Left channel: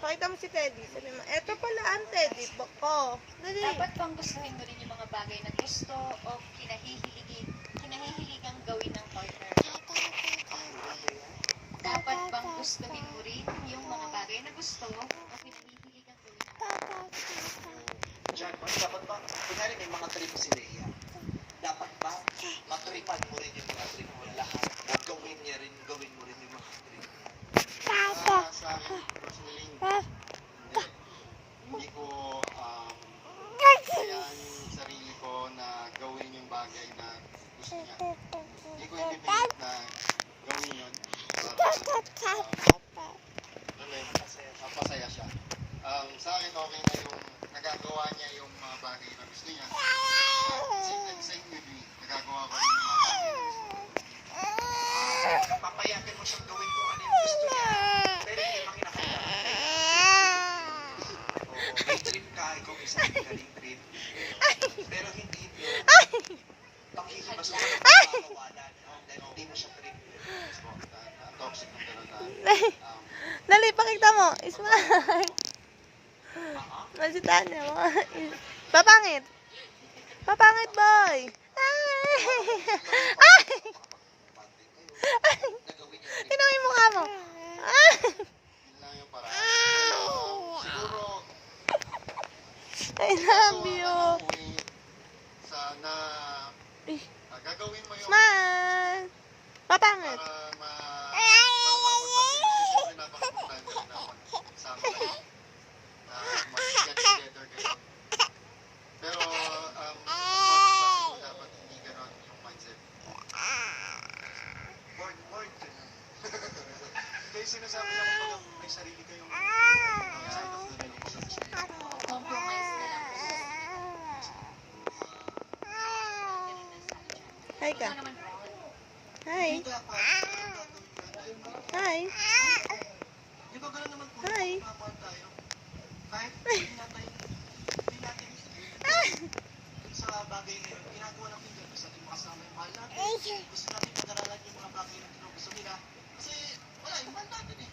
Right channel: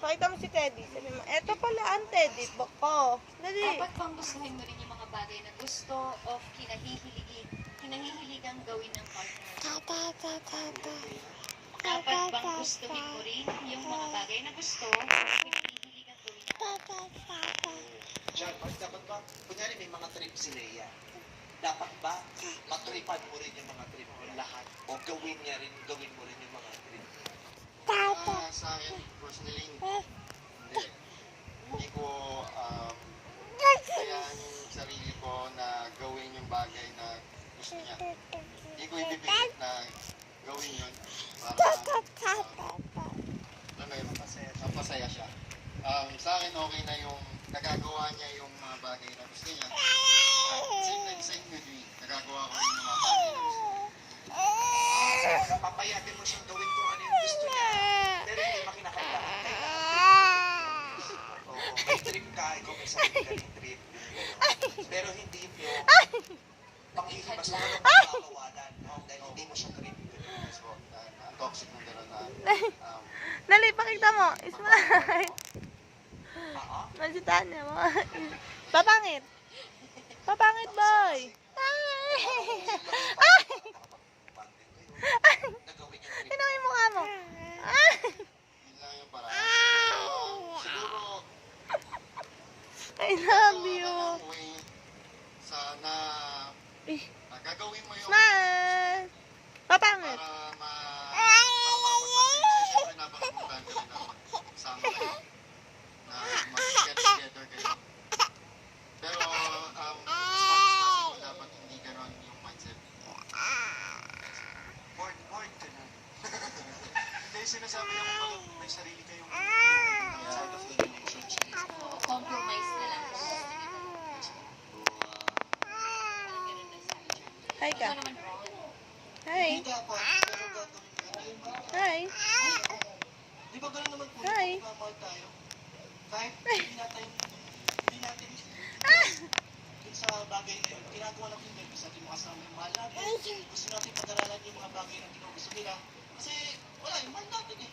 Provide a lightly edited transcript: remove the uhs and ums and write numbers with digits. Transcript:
Pakita mo si Teddy. Sabi mo, eto pala ang Teddy. Boko. Dali. Dapat bang gustuhin mo rin yung mga bagay na gusto o hinahihiligang gawin ng partner? Dapat bang gustuhin mo rin yung mga bagay na gusto o hinahihiligang gawin ng partner? Diyan, dapat ba, kunyari may mga trip si Leia, dapat ba matripan mo rin yung mga trip mo lahat? O gawin mo rin yung mga trip mo? Sa akin, personally, hindi ko kayaan yung sarili ko na gawin yung bagay na gusto niya. Hindi ko ibibilit na gawin yun para mapasaya siya. Sa akin, okay na yung nagagawa niya yung mga bagay na gusto niya. Same with me. Nagagawa ko rin yung mga bagay na gusto niya. Papayagan mo siyang gawin kung ano yung gusto niya. Pero hindi makinakailangan kayo. Oo, may trip ka, ikaw may sarili ka rin trip. Pero hindi mo pakikibasuhan ng pagkakawalan, no? Dahil hindi mo siya trip. Toxic ng gano'n na Dali, pakita mo. Ismay. Oo. Masitaan niya mo. Papangit. Papangit, boy. Tinong yung mukha mo. yun lang yung paraan. Siguro, I love you. Sana gagawin mo yung Smile. Papangit. para siyempre napakapuntahan ka na magsama kayo na mag-get together kayo. Pero as much as possible dapat hindi ganon yung mindset. Bored ka na. Hindi, sinasabi lang pag may sarili kayong side of the relationship. Compromise na lang. Hi ka. Ikaw naman, Ron. Hi. Hindi dapat, pero gagawin mo rin tayo. Hi. Di ba gano'n naman kung Hi. magpapahal tayo? Kahit hindi natin dun sa bagay na yun, ginagawa natin yun. Gusto natin makasama yung mahal natin. Gusto natin pag-aralan yung mga bagay na gusto nila. Kasi wala, yung mahal natin eh.